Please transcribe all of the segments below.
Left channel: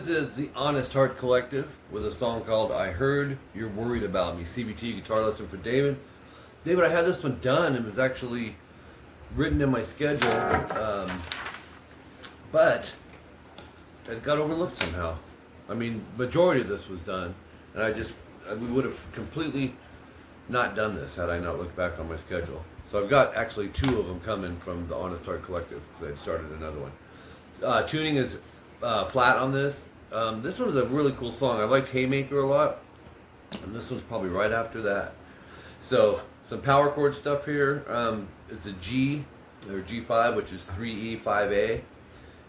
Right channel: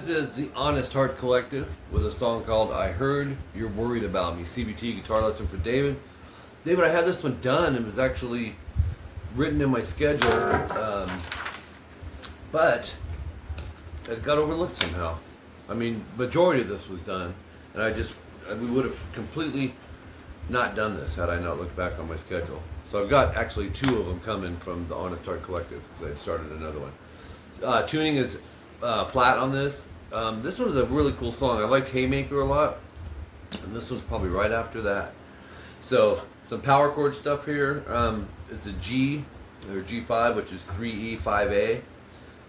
This is the Honest Heart Collective with a song called I Heard You're Worried About Me. CVT guitar lesson for David. David, I had this one done. It was actually written in my schedule, but it got overlooked somehow. I mean, majority of this was done, and we would have completely not done this had I not looked back on my schedule. So I've got actually 2 of them coming from the Honest Heart Collective because I'd started another one. Tuning is flat on this. This one is a really cool song. I liked Haymaker a lot, and this one's probably right after that. So some power chord stuff here. It's a G or G5, which is 3E, 5A,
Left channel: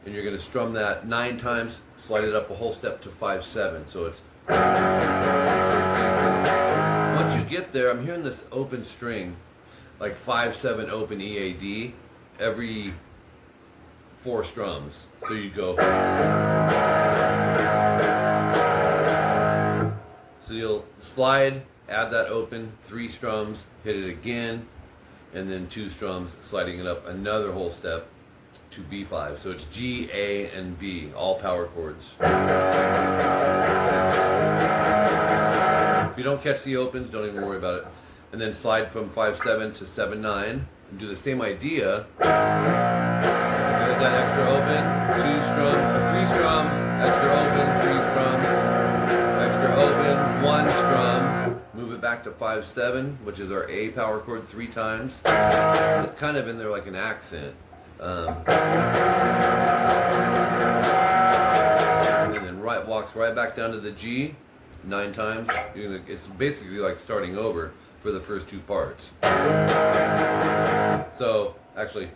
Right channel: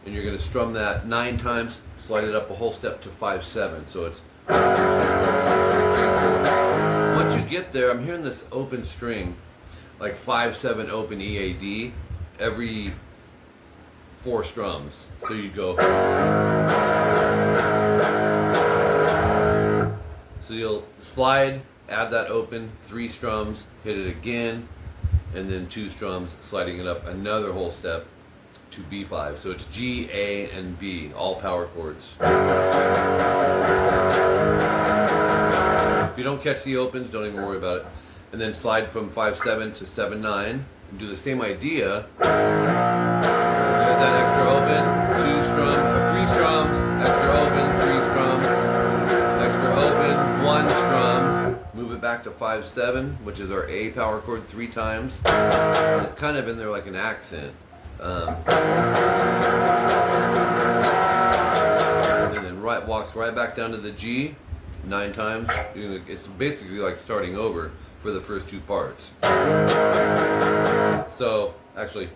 and you're going to strum that 9 times, slide it up a whole step to 5/7. So it's 1, 2, 3, 4. Once you get there, I'm hearing this open string, like 5/7 open EAD, every 4 strums. So you go. So you'll slide, add that open, 3 strums, hit it again, and then 2 strums, sliding it up another whole step to B5. So it's G, A, and B, all power chords. If you don't catch the opens, don't even worry about it. And then slide from 5/7 to 7/9 and do the same idea. There's that extra open, 3 strums, extra open, 3 strums, extra open, 1 strum. Move it back to 5/7, which is our A power chord 3 times. It's kind of in there like an accent. And then walks right back down to the G 9 times. It's basically like starting over for the first 2 parts. So actually,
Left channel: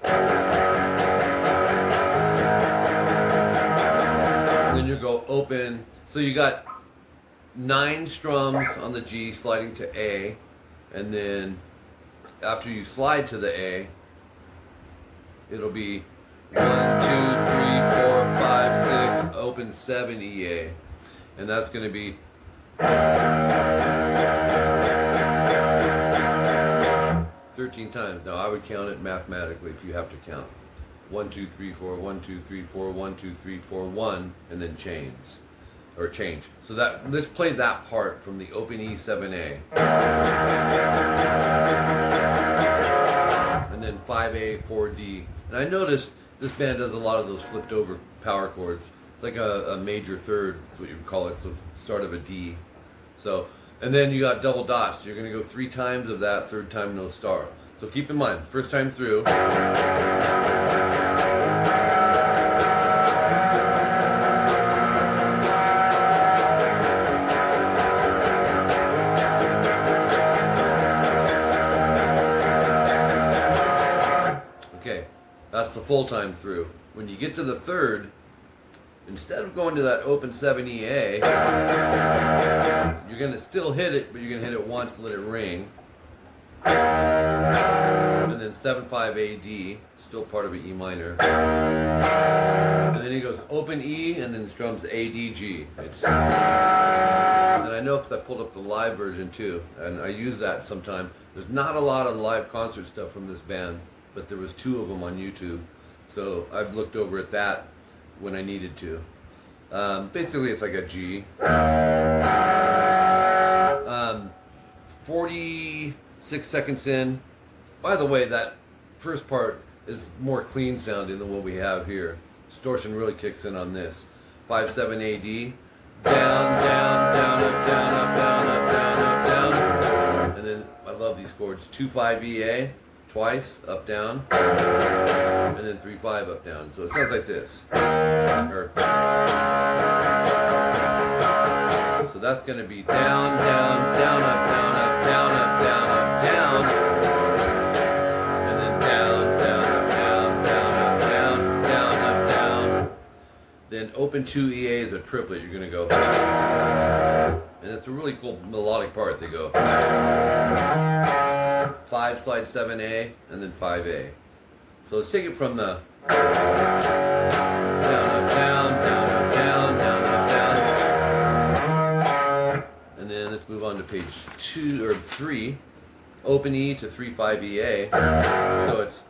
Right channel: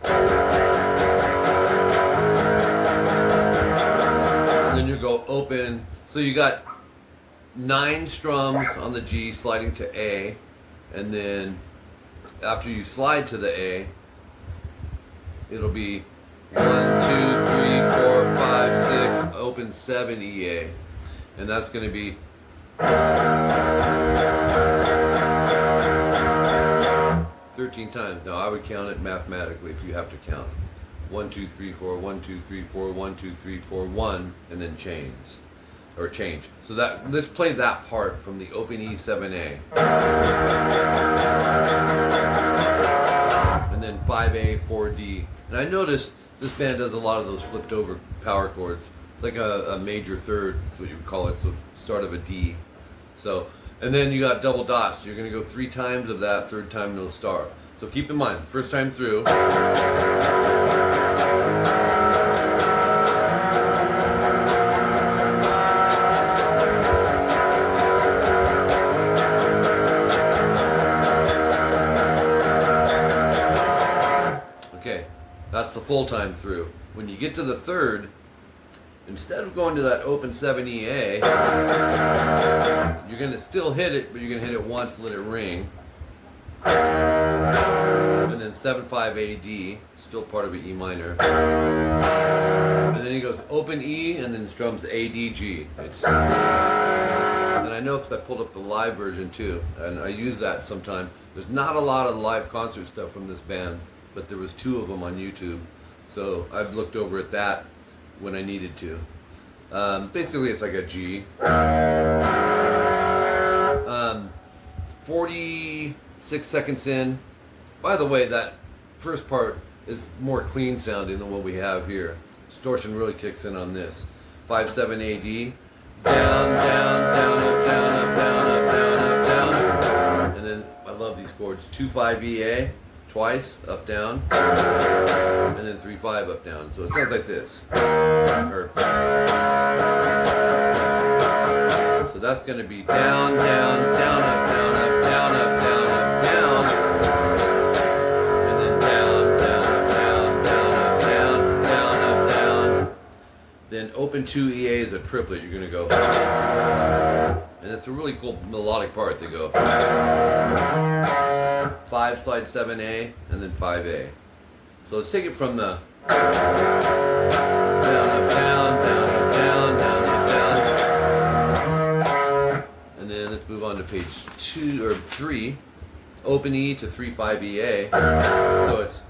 and then you go open. So you got 9 strums on the G sliding to A, and then after you slide to the A, it'll be 1, 2, 3, 4, 5, 6, open 7 EA, and that's going to be 13 times. Now I would count it mathematically if you have to count. 1, 2, 3, 4, 1, 2, 3, 4, 1, 2, 3, 4, 1, and then change. So that let's play that part from the open E 7A. And then 5A, 4D. And I noticed this band does a lot of those flipped over power chords. It's like a major third, is what you would call it, so start of a D. So, and then you got double dots. So you're going to go 3 times of that, 3rd time no star. So keep in mind, first time through. Okay, that's the full time through. When you get to the 3rd, instead of going to that open 7 EA, you're going to still hit it, but you're going to hit it once, let it ring. And then 7/5 AD, still part of an E minor. And then he goes open E and then strums ADG. And I know because I pulled up the live version too, and I use that sometime. There's not a lot of live concert stuff from this band, but there was 2 of them on YouTube. So I've looked over at that when I needed to. Basically it's like a G. 46 seconds in. By the way, that first part is more clean sounding than what we have here. Distortion really kicks in on this. 5/7 AD. Down, down, down, up, down, up, down, up, down, up, down. And then I love these chords. 2/5 EA. Twice, up, down, and then 3/5 up, down. So it sounds like this. So that's going to be down, down, down, up, down, up, down, up, down, up, down, and then down, down, up, down, down, up, down, down, up, down. Then open 2 EA is a triplet. You're going to go, and it's a really cool melodic part. They go 5 slide 7A and then 5A. So let's take it from the down up down down up down down up down, and then let's move on to page 2 or 3. Open E to 3/5 EA. So it's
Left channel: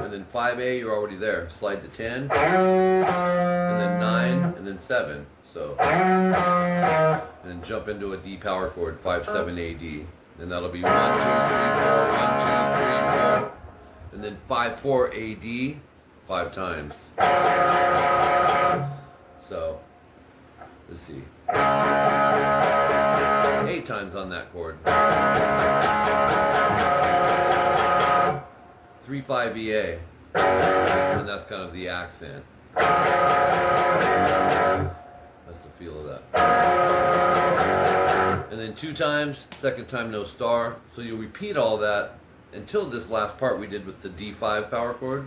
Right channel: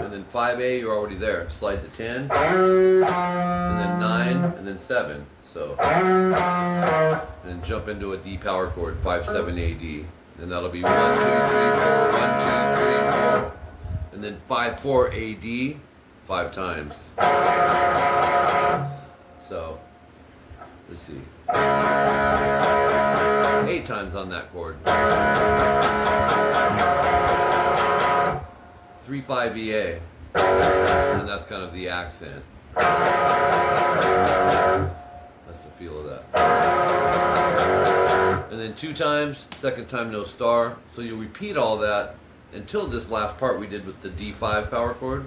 and then 5 5A, you're already there. Slide to 10, and then 9, and then 7. So, and then jump into a D power chord, 5, 7, A, D. And that'll be 1, 2, 3, 4, 1, 2, 3, 4, and then 5, 4, A, D, 5 times. So, let's see. 8 times on that chord. 3, 5, EA. And that's kind of the accent. That's the feel of that. And then 2 times, second time no star. So you'll repeat all that until this last part we did with the D5 power chord.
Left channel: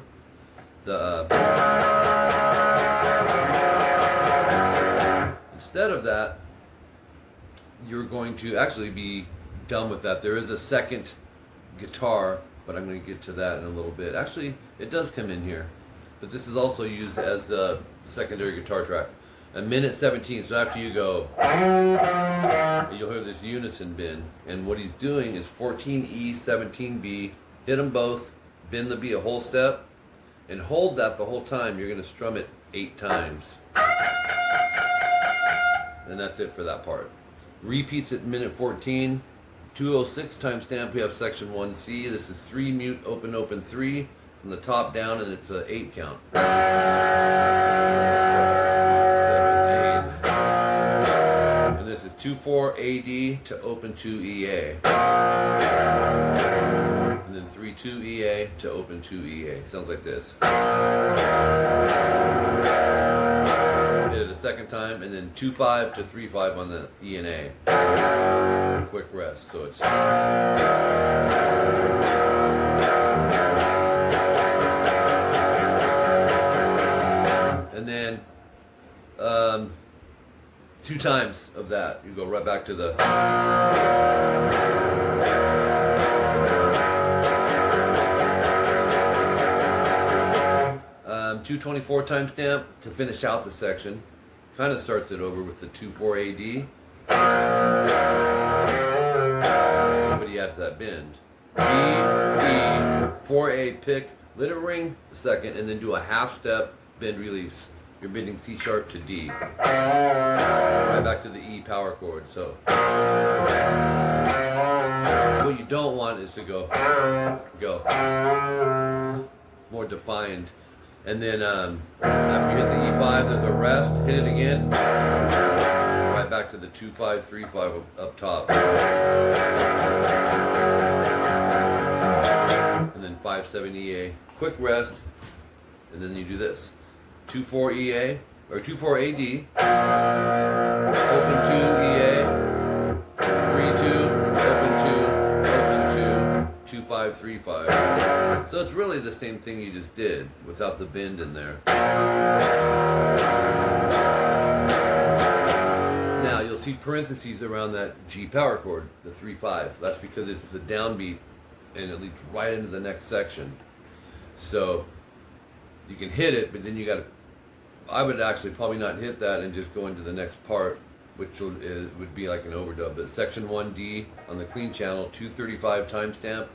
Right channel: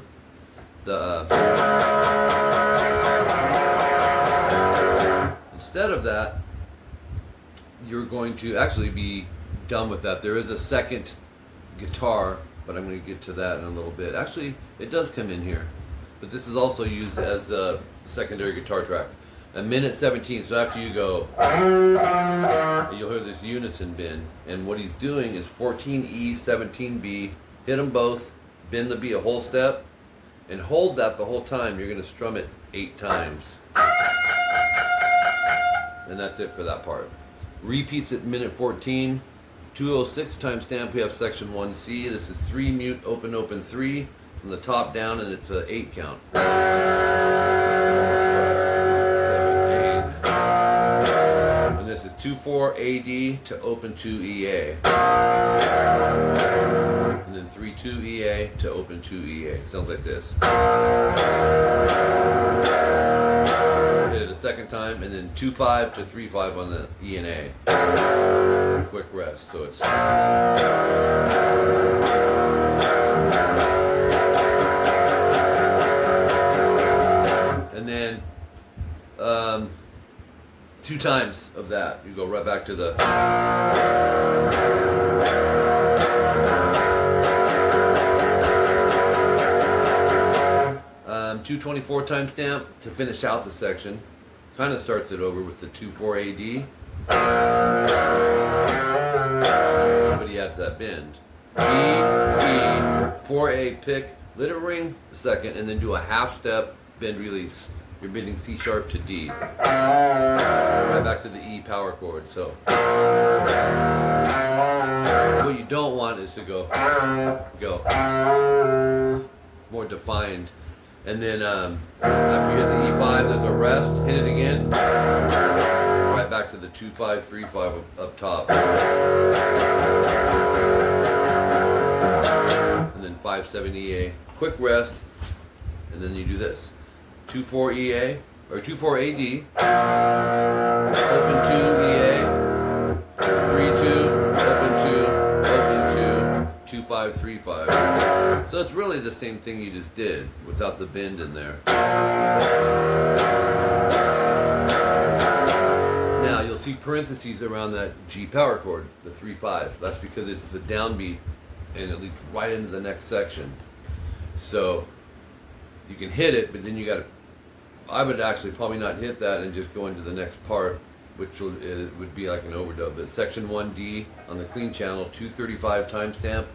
Instead of that, you're going to actually be done with that. There is a second guitar, but I'm going to get to that in a little bit. Actually, it does come in here, but this is also used as a secondary guitar track. A minute 17, so after you go, you'll hear this unison bend, and what he's doing is 14E, 17B, hit them both, bend the B a whole step, and hold that the whole time. You're going to strum it 8 times. And that's it for that part. Repeats at minute 14, 206 timestamp. We have section 1C. This is 3 mute, open, open, 3 from the top down, and it's an 8 count. 5, 6, 7, 8. And this is 2, 4, AD to open 2 EA. And then 3, 2 EA to open 2 EA. Sounds like this. Hit it a second time, and then 2, 5 to 3, 5 on the E and A. Quick rest, so it's. And then 2 times of that, you go right back to the. 224 timestamp to finish out the section. Kind of starts it over with the 2-4 AD. But he adds that bend. B, E, 4A pick, let it ring a second, and then do a half step bend release. You're bending C sharp to D. Right back to the E power chord. So what you don't want is to go. More defined. And then after you hit the E5, there's a rest. Hit it again. Right back to the 2-5, 3-5 up top. And then 5-7 EA. Quick rest. And then you do this. 2-4 EA or 2-4 AD. Open 2 EA. 3-2. Open 2. Open 2. 2-5, 3-5. So it's really the same thing you just did without the bend in there. Now you'll see parentheses around that G power chord, the 3-5. That's because it's the downbeat and it leads right into the next section. So you can hit it, but then you got to. I would actually probably not hit that and just go into the next part, which would be like an overdub. But section 1D on the clean channel, 235 timestamp,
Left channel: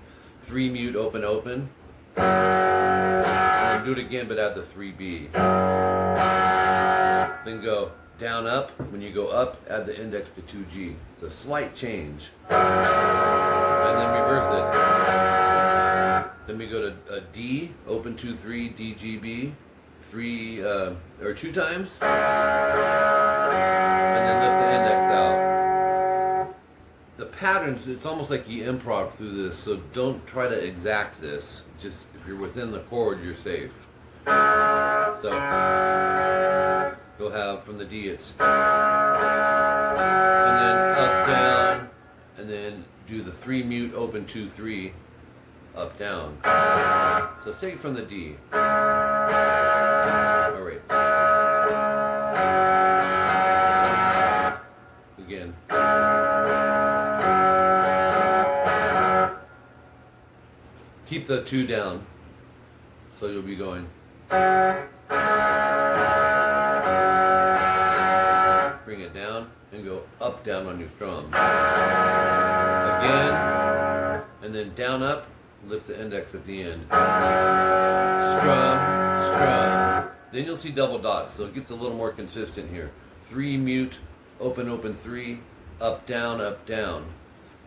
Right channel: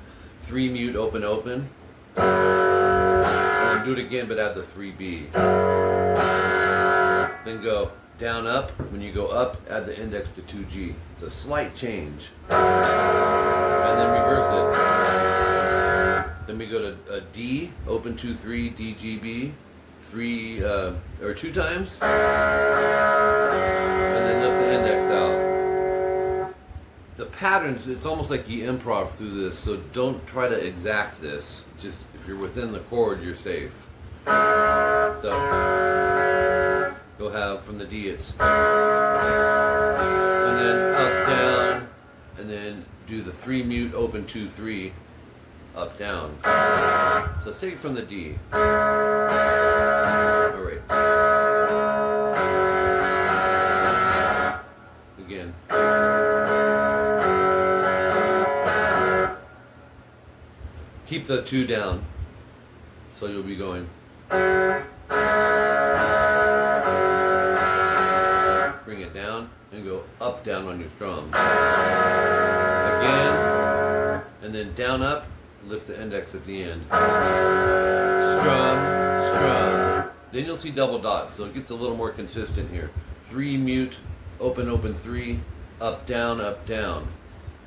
3 mute, open, open. And then do it again, but add the 3B. Then go down, up. When you go up, add the index to 2G. It's a slight change. And then reverse it. Then we go to a D, open 2, 3, D, G, B. 3 or 2 times. And then lift the index out. The patterns, it's almost like you improv through this, so don't try to exact this. Just if you're within the chord, you're safe. So you'll have from the D it's and then up, down, and then do the 3 mute, open 2, 3, up, down. So let's take it from the D. Alright. Again. Keep the 2 down, so you'll be going. Bring it down and go up, down on your strum. Again, and then down, up, lift the index at the end. Strum, strum. Then you'll see double dots, so it gets a little more consistent here. 3 mute, open, open 3, up, down, up, down.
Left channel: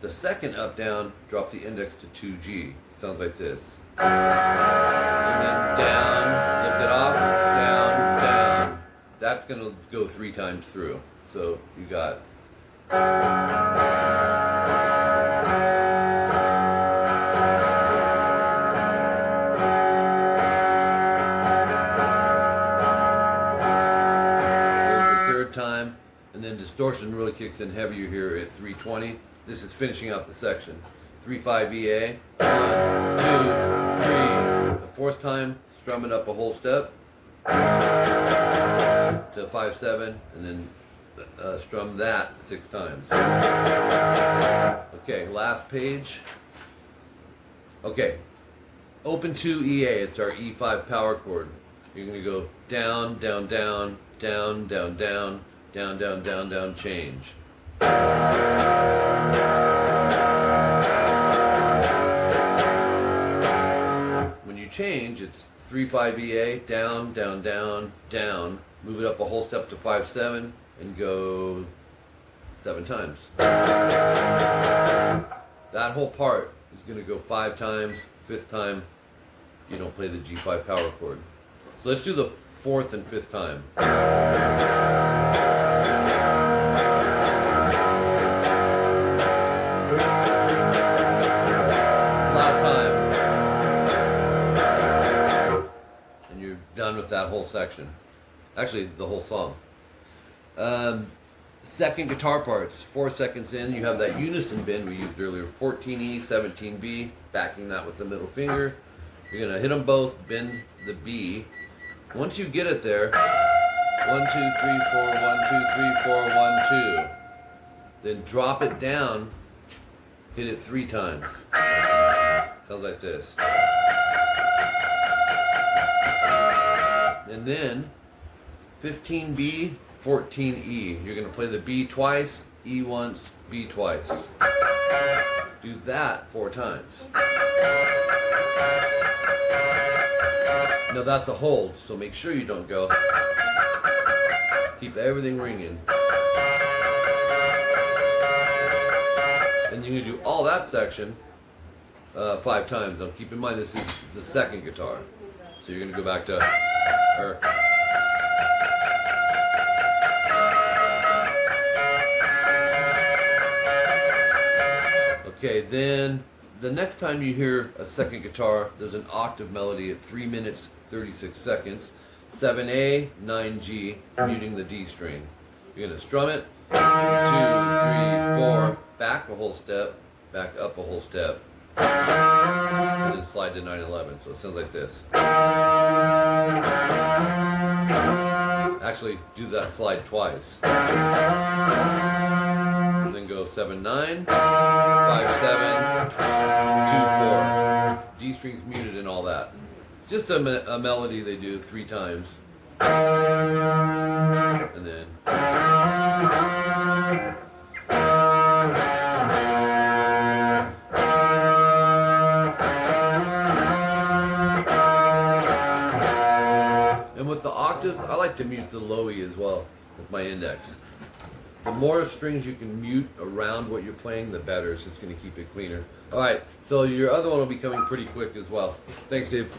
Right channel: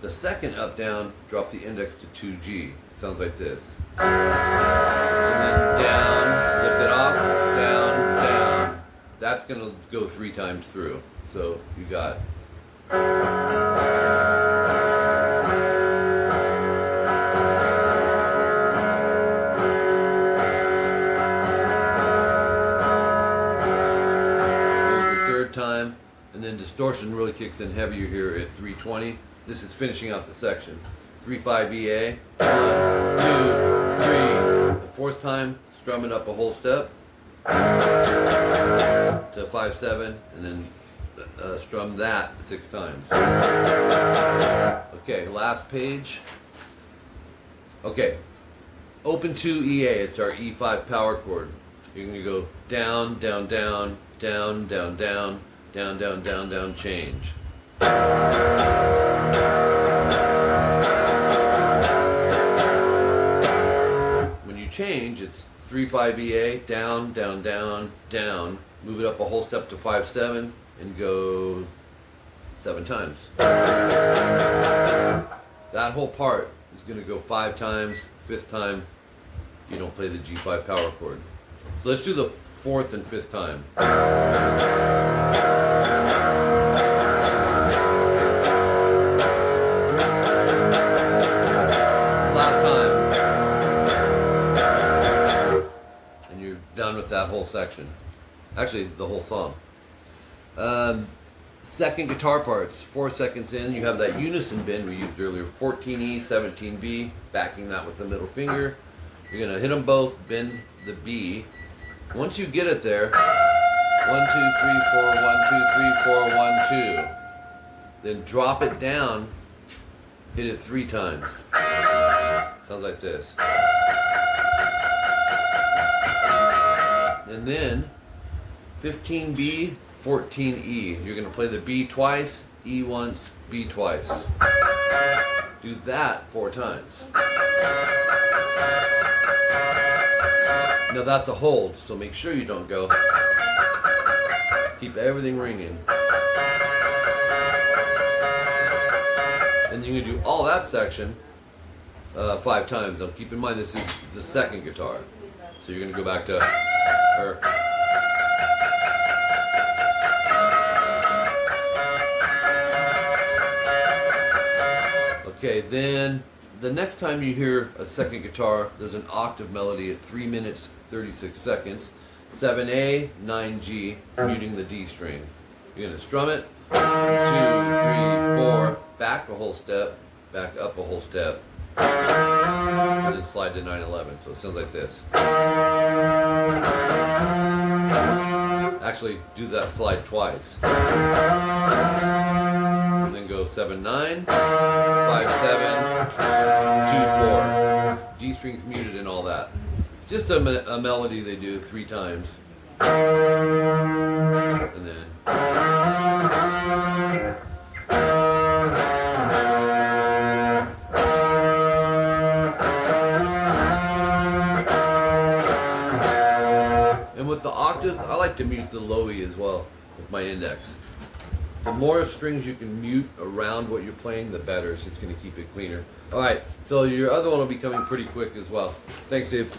The second up, down, drop the index to 2G. Sounds like this. And then down, lift it off, down, down. That's gonna go 3 times through. So you got time, and then distortion really kicks in heavier here at 320. This is finishing out the section. 3-5 EA, 1, 2, 3. The fourth time, strum it up a whole step to 5-7, and then strum that 6 times. Okay, last page. Okay, open 2 EA. It's our E5 power chord. You're going to go down, down, down, down, down, down, down, down, down, down, change. When you change, it's 3-5 EA, down, down, down, down. Move it up a whole step to 5-7 and go 7 times. That whole part is going to go 5 times. 5th time, you don't play the G5 power chord. So let's do the 4th and 5th time. Last time. And you're done with that whole section. Actually, the whole song. Second guitar parts. 4 seconds in, you have that unison bend we used earlier. 14E, 17B, backing that with the middle finger. You're going to hit them both, bend the B. Once you get it there, 1, 2, 3, 4, 1, 2, 3, 4, 1, 2. Then drop it down, hit it 3 times. Sounds like this. And then 15B, 14E. You're going to play the B twice, E once, B twice. Do that 4 times. Now that's a hold, so make sure you don't go. Keep everything ringing. And you're going to do all that section 5 times. Now keep in mind this is the second guitar. So you're going to go back to her. Okay, then the next time you hear a second guitar, there's an octave melody at 3 minutes 36 seconds. 7A, 9G, muting the D string. You're going to strum it. 2, 3, 4, back a whole step, back up a whole step, and then slide to 9/11. So it sounds like this. Actually, do that slide twice. And then go 7/9, 5/7, 2/4. D string's muted and all that. Just a melody they do 3 times. And then and with the octaves, I like to mute the low E as well with my index. The more strings you can mute around what you're playing, the better. It's just going to keep it cleaner. All right, so your other one will be coming pretty quick as well. Thanks, Dave.